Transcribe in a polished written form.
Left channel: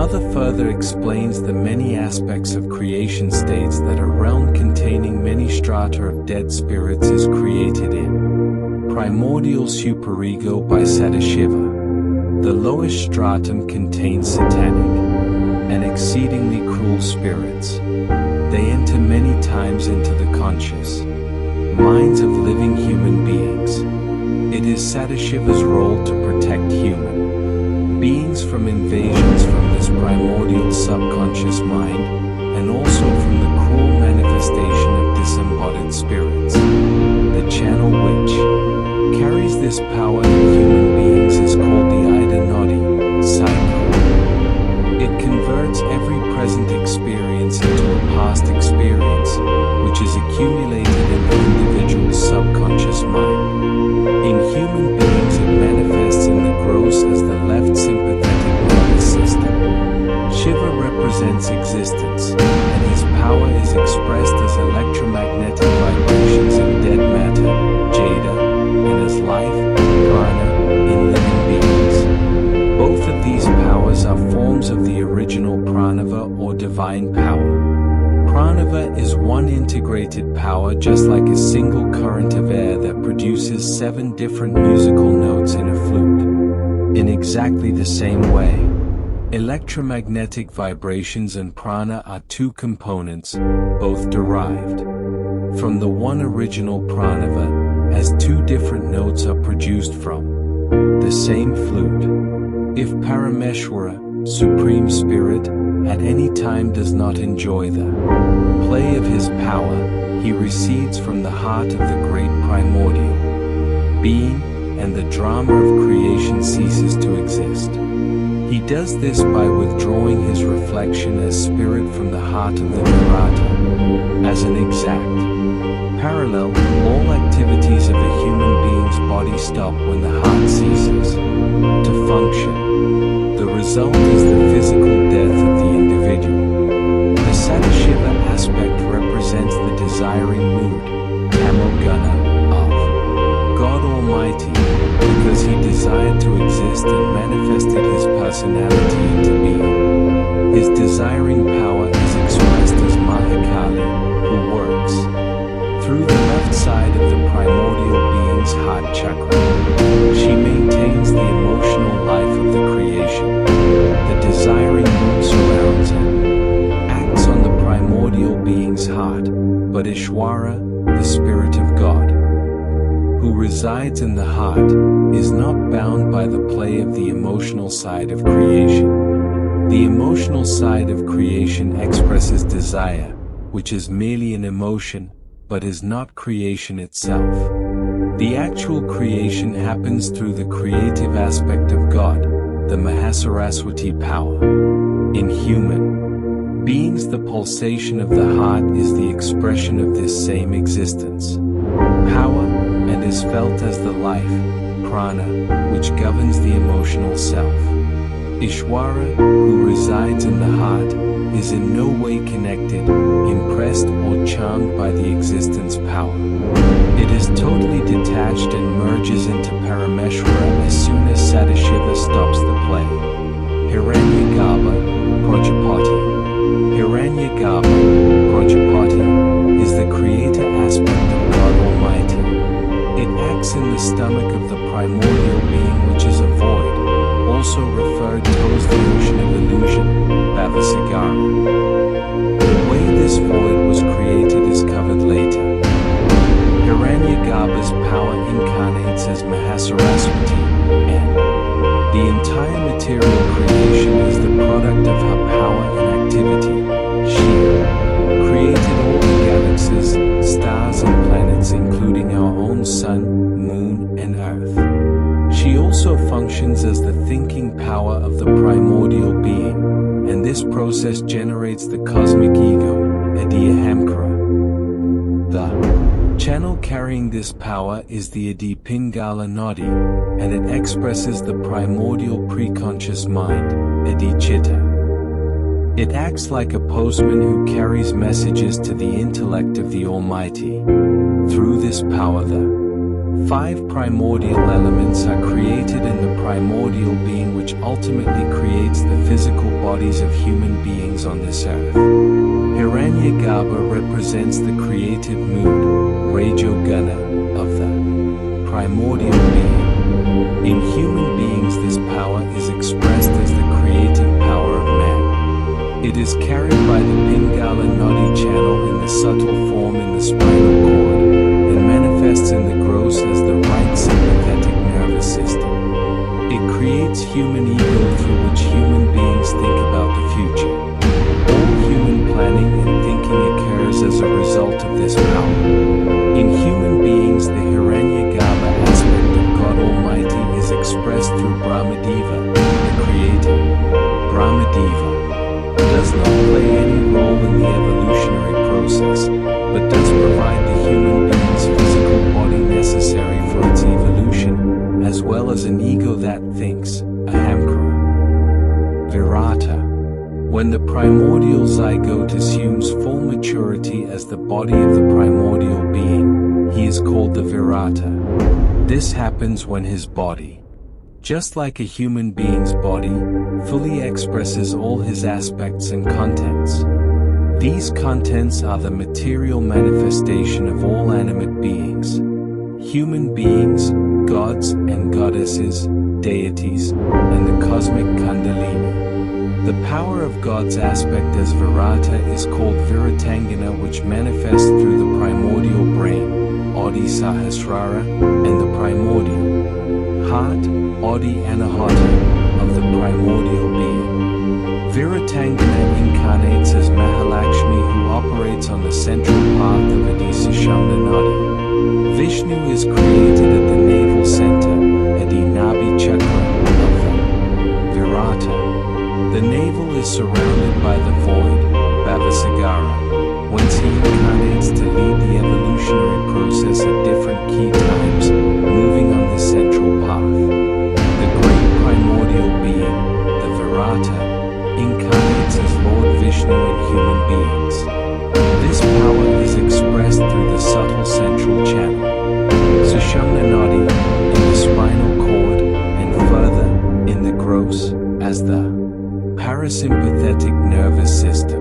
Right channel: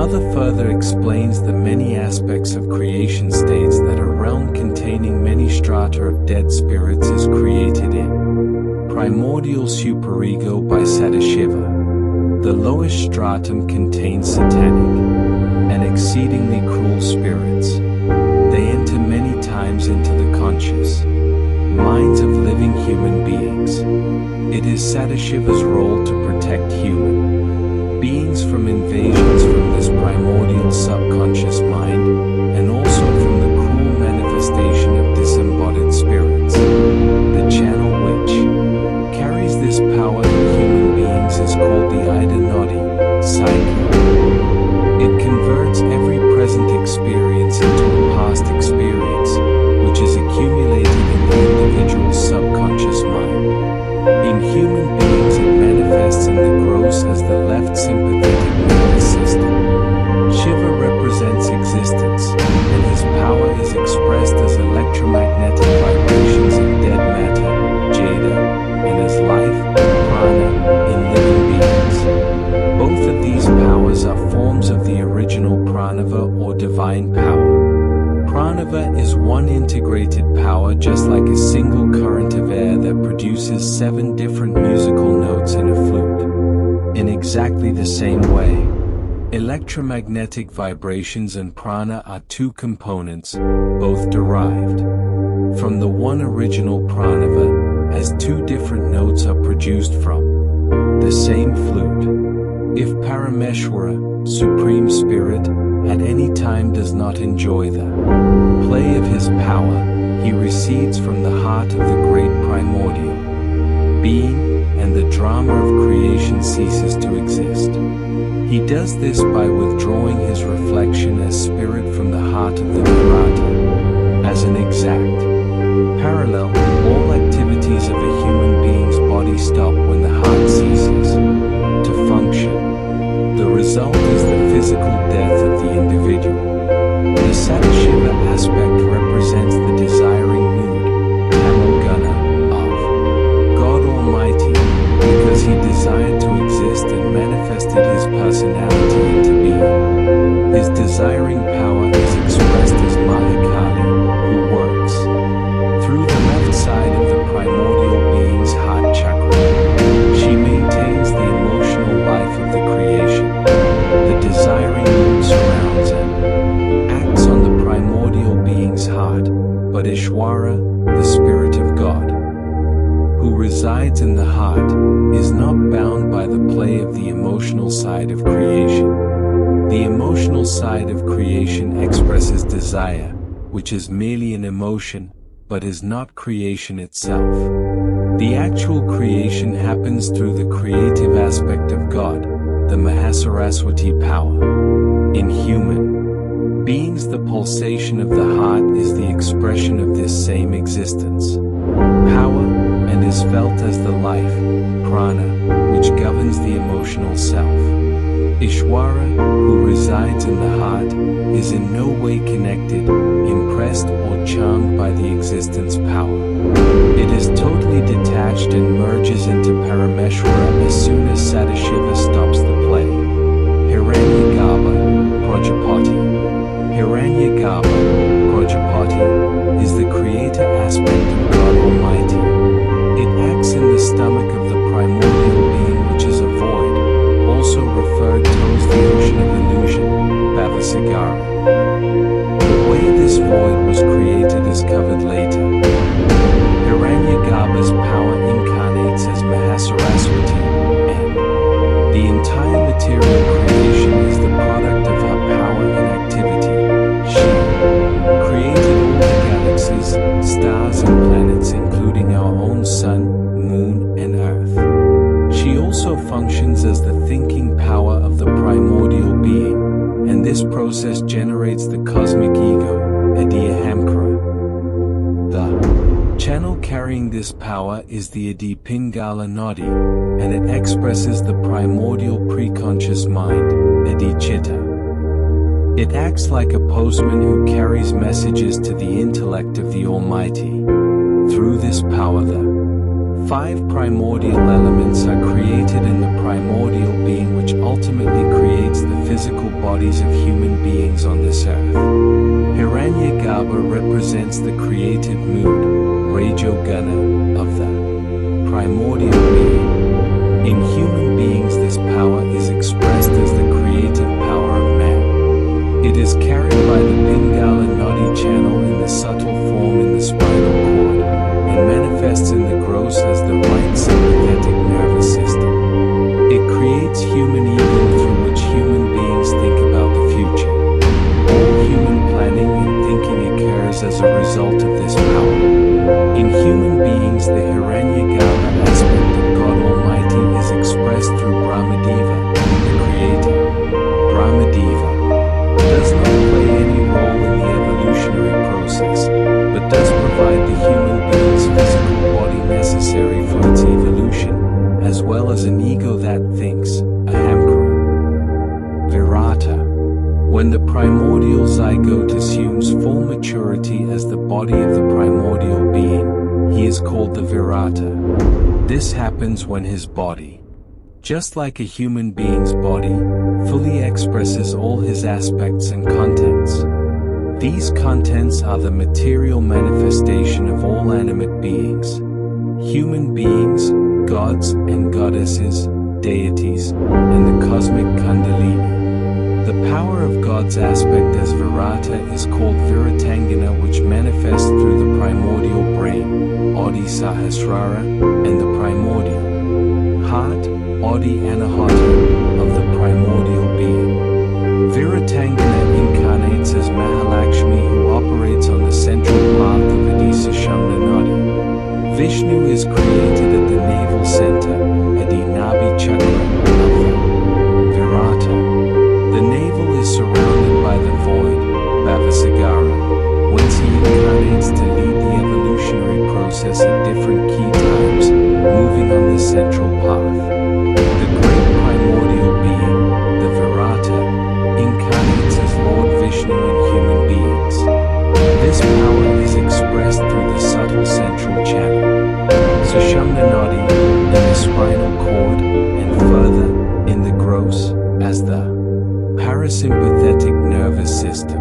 mother further explains the many aspects of creation, states that a realm containing many strata of dead spirits is created in primordial superego by Sadashiva. The lowest stratum contains satanic and exceedingly cruel spirits. They enter many times into the conscious minds of living human beings. It is Sadashiva's role to protect human beings from invasions from this primordial subconscious mind, and also from the cruel manifestation of disembodied spirits. The channel which carries this power in human beings is called the Ida Nodi, psyche. It converts every present experience into a past experience, which is accumulated in the individual's subconscious mind. In human beings it manifests in the gross as the left sympathetic nervous system. Shiva represents existence, and his power is expressed as electromagnetic vibrations in dead matter, Jada, and as life, prana, in living beings. Both of these powers are forms of the original pranava or divine power. Pranava is one integrated power, just like a single current of air that produces 7 different musical notes in a flute. In exactly the same way, electromagnetic vibrations and prana are 2 components, both derived from the one original pranava, as 2 different notes are produced from the same flute. If Parameshwara, Supreme Spirit, at any time does not enjoy the play of his power, he recedes from the heart of the great primordial being, and the drama of creation ceases to exist. He does this by withdrawing his reflection as spirit from the heart of the Virata. As an exact parallel, all activities of a human being's body stop when the heart ceases to function. The result is the physical death of the individual. The Sadashiva aspect represents the desiring mood, Tamoguna, of God Almighty, because he desired to exist and manifested his personality into being. His desiring power is expressed as Mahakali, who works through the left side of the primordial being's heart chakra. She maintains the emotional life of the creation. The desiring mood surrounds and acts on the primordial being's heart, but Ishwara, the Spirit of God, who resides in the heart, is not bound by the play of the emotional side of creation. The emotional side of creation expresses desire, which is merely an emotion, but is not creation itself. The actual creation happens through the creative aspect of God, the Mahasaraswati power. In human beings, the pulsation of the heart is the expression of this same existence, power, and is felt as the life, prana, which governs the emotional self. Ishwara, who resides in the heart, is in no way connected, impressed, or charmed by the existence power. It is totally detached and merges into Parameshwara as soon as Sadashiva stops the play. Hiranyagarbha, Prajapati. Hiranyagarbha, Prajapati, is the creator aspect of God Almighty. It acts in the stomach of the primordial being, which is a void, also referred to as the ocean of illusion, Bhavasagara. The way this void was created is covered later. Hiranyagarbha's power incarnates as Mahasaraswati, and the entire material creation is the product of her power and activity. She created all the galaxies, stars and planets, including our own sun, moon, and earth. She also functions as the thinking power of the primordial being, and this process generates the cosmic ego, Adiahamkara. The channel carrying this power is the Adi Pingala Nodi, and it expresses the primordial preconscious mind, Adi Chitta. It acts like a postman who carries messages to the intellect of the Almighty. Through this power, the 5 primordial elements are created in the primordial being, which ultimately creates the physical bodies of human beings on this earth. Hiranyagarbha represents the creative mood, Rajoguna, of the primordial being. In human beings, this power is expressed as the creative power of man. It is carried by the Pingala Nadi channel in the subtle form in the spinal cord, and manifests in the gross as the right sympathetic nervous system. It creates human ego through which human beings think about the future. All human planning and thinking occurs as a result of this power. In human beings, the Hiranyagarbha aspect of God Almighty is expressed through Brahmadeva, the Creator. Brahmadeva does not play any role in the evolutionary process, but does provide the human being's physical body necessary for its evolution, as well as an ego that thinks, Ahamkara. Virata. When the primordial zygote assumes full maturity as the body of the primordial being, he is called the Virata. This happens when his body, just like a human being's body, fully expresses all his aspects and contents. These contents are the material manifestation of all animate beings. Human beings, gods and goddesses, deities, and the cosmic Kundalini. The power of God's aspect as Virata is called Viratangana, which manifests through the primordial brain, Adi Sahasrara, and the primordial heart, Adi Anahata, of the primordial being. Viratangana incarnates as Mahalakshmi, who operates on the central path of Adisashamna Nadi. Vishnu is created at the navel center, Adi Nabi Chakra, of the Virata. The navel is surrounded by the void, Bhavasagara, whence he incarnates to lead the evolutionary process at different key times, moving on the central path. The great primordial being, the Virata, incarnates as Lord Vishnu in human beings. This power is expressed through the subtle central channel, Sushumna Nadi, in the spinal cord, and further, in the gross, as the parasympathetic nervous system.